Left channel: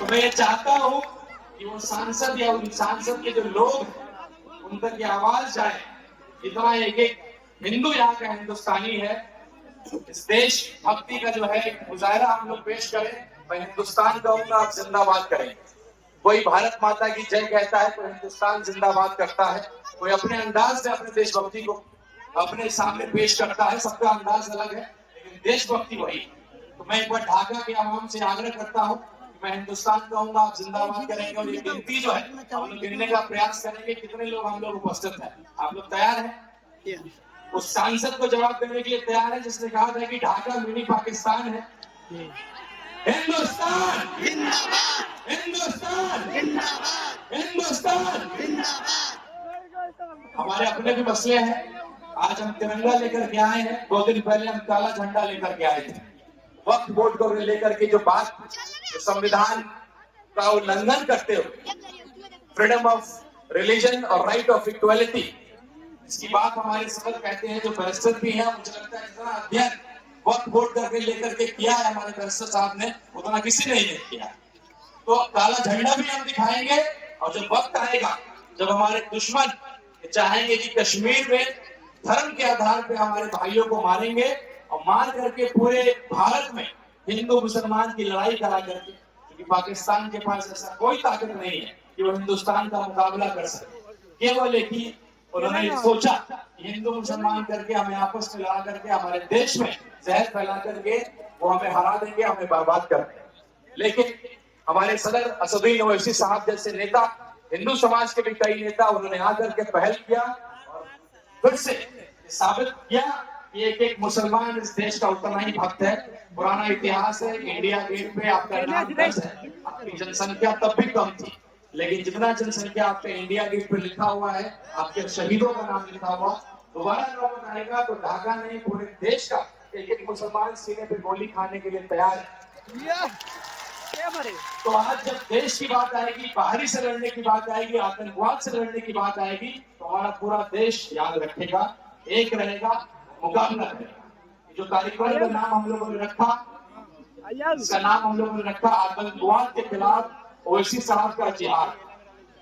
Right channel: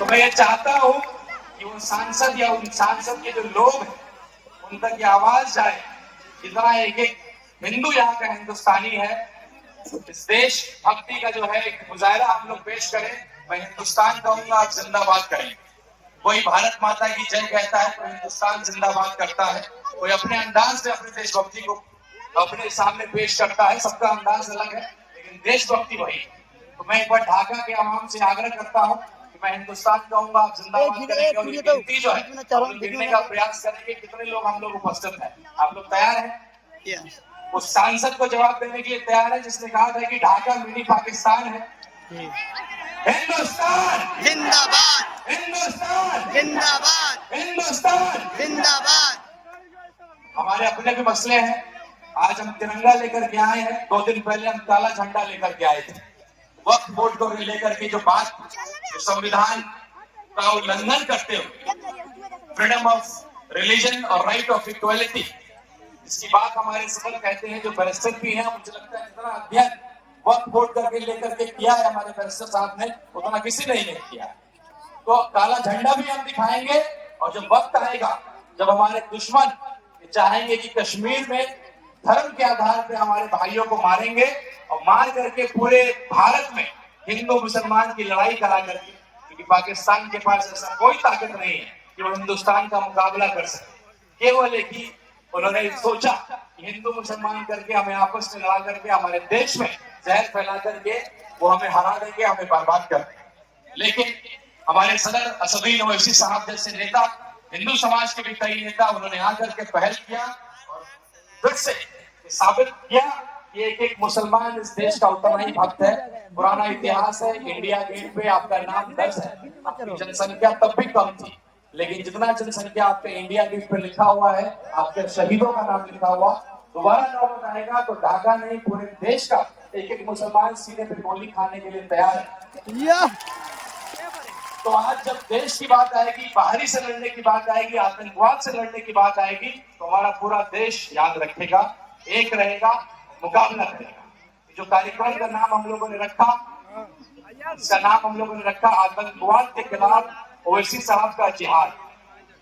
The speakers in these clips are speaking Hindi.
तो मैं ये चाहता हूं कि उन सांसद या उन सांसद के जो लोग हैं उन तक ये आवाज जाए। जितना एक एक हिंदू यहाँ का हिंदुस्तानी है, इस देश भक्ति का जो है एक मुजाहरा हम लोग पेश करें। मैं हिंदुस्तान कहूंगा, आप जिंदाबाद करेंगे। कोई भारत माता की जय कहता है, कोई हिंदुस्तान जिंदाबाद करता है, कोई अपने अंदाज से अपने देशभक्ति को अपने सामने पेश करता है। सबका अंदाज अलग है, लेकिन देशभक्ति वही। तो मैं एक बार ढाका के आवाम से आग्रह करता हूँ कि मैं हिंदुस्तान कहूंगा, आप जिंदाबाद करेंगे। और ये गिनती जो है हम लोग गिनने का प्रयास करेंगे, कितने लोग हम लोग उपस्थित हैं। आप लोग तैयार हैं? उस सांसद को जवाब देने के लिए तैयार है जिसने कहा था कि ढाका मिनी पाकिस्तान है। हिंदुस्तान जिंदाबाद, हिंदुस्तान जिंदाबाद, हिंदुस्तान जिंदाबाद। हमारे अपने भी मसले हैं। आज हम तिरंगा लेकर के आए हैं, 2 दिन पहले हम काला झंडा लेकर के आए थे। वक्फ बोर्ड को लेकर के जो बात, जो संविधान का उल्लंघन करते हुए फ्रीडम ऑफ रिलीजन और राइट ऑफ इक्वालिटी, इसकी बात हमारे सदर कहते हैं, जो बैरिस्टर भी हैं, मुझे लगता है इतना अध्ययन वक्फ बोर्ड करके लेकर के किया है हमारे बैरिस्टर साहब ने, उतना किसी ने नहीं किया। तो काला झंडा भी हम दिखाएंगे। और जब वक्त आएगा, जब हमारे दुश्मन चाहेंगे कि कश्मीर में धर्म के आधार पर हमारे भाइयों को मारेंगे और मार करके पूरे भारत में हिंदू मुसलमान की लड़ाई करा करके, क्योंकि पाकिस्तान के पास ऐसा कोई ताकत नहीं है कि वो हिंदुस्तान का मुकाबला कर सके। केवल एक ही उन्होंने सोचा कि हिंदू मुसलमान करके हमें आपस में लड़ा करके हमारे देश में जहर फैला करके वो हमें हरा देंगे, हमें बर्बाद कर देंगे। लेकिन हमारे सदर असदुद्दीन ओवैसी साहब जैसे नेता, हिंदू समाज के भी कई नेता, उन्होंने आकर के पहल किया और फिर से साबित किया कि एक एक मुसलमान इस देश का उतना ही भक्त है। पुराना इतिहास है, इंडिया गेट पे आपका नाम दर्ज है। आपकी जनसंख्या तब भी कम थी, लेकिन जितना जनसंख्या आपके इंडिया गेट पे लिखा हुआ है, आपके शहीदों का नाम लिखा हुआ, दोबारा नौबत आएगा तो ढाका नहीं पूरे देश का एक एक मुसलमान सीने पे गोली खाने के लिए तैयार है। तो आज जब देश की बात आएगी, बाहरी से लड़ने की बात आएगी, आतंकवाद से लड़ने की बात आएगी, तो हमारा पूरा देश याद रखेगा, एक रहेगा, मुकाबला करेगा। जो कार्यक्रम का नाम हम लोगों ने रखा, इसका नाम हम लोगों ने रखा आतंकवाद के खिलाफ ओवैसी साहब का जिहाद।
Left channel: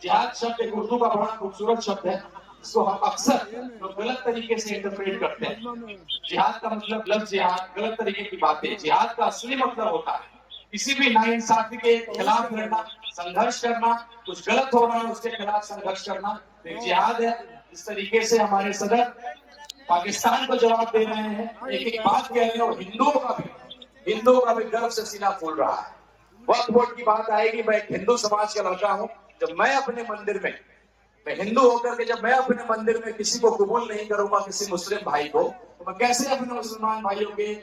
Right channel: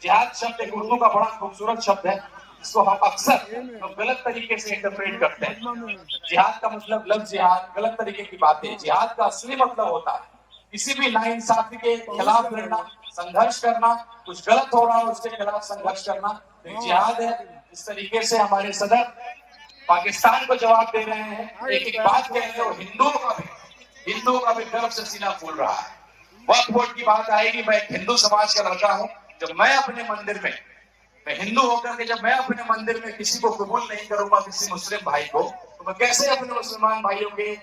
जिहाद शब्द एक उर्दू का बड़ा खूबसूरत शब्द है, इसको हम अक्सर तो गलत तरीके से इंटरप्रेट करते हैं। जिहाद का मतलब लफ्ज जिहाद, गलत तरीके की बात है। जिहाद का असली मतलब होता है किसी भी नाइंसाफी के खिलाफ लड़ना, संघर्ष करना, कुछ गलत हो रहा है उसके खिलाफ संघर्ष करना, तो जिहाद है। इस तरीके से हमारे सदर पाकिस्तान को जवाब दे रहे हैं। एक एक बात कह रहे हो, हिंदुओं का भी गर्व से सीना फूल रहा है। वक्फ बोर्ड की बात आएगी, मैं एक हिंदू समाज का लड़का हूं। जब मैं अपने मंदिर में, मैं हिंदू होकर के जब मैं अपने मंदिर में किसी को कबूल नहीं करूंगा, किसी मुस्लिम भाई को, तो मैं कैसे अपने मुसलमान भाइयों के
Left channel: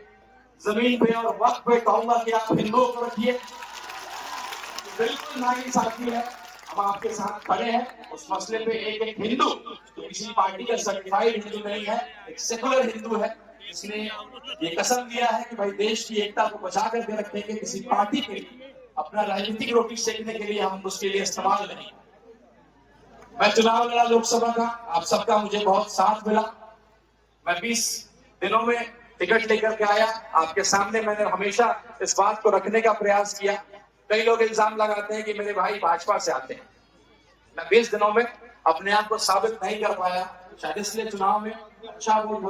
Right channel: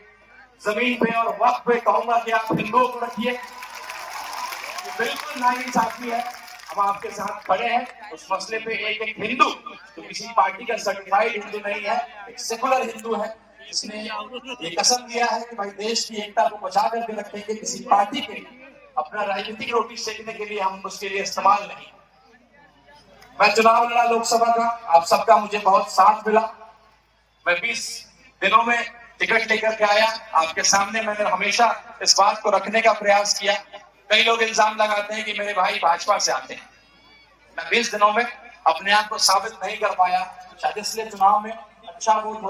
जमीन पे और वक्त पे कहूंगा कि आप हिंदुओं को रखिए? ये बिल्कुल नाइंसाफी है। हम आपके साथ खड़े हैं उस मसले पे। एक एक हिंदू तो किसी पार्टी का सर्टिफाइड हिंदू नहीं है, एक सेकुलर हिंदू है, इसने ये कसम दिया है कि भाई देश की एकता को बचा करके रखेंगे। किसी पार्टी के लिए अपना राजनीतिक रोटी सेकने के लिए हम उसके लिए इस्तेमाल नहीं। मैं चुनाव लड़ा लोकसभा का, आप सबका मुझे बहुत साथ मिला। मैं 20 दिनों में टिकट लेकर के आया। आपके सामने मैंने हमेशा इस बात को रखने का प्रयास किया। कई लोग इल्जाम लगाते हैं कि मेरे भाई भाजपा से आते हैं। मैं 20 दिनों में अपने आप को साबित नहीं कर पाया, शायद इसलिए चुनाव में अच्छा वोट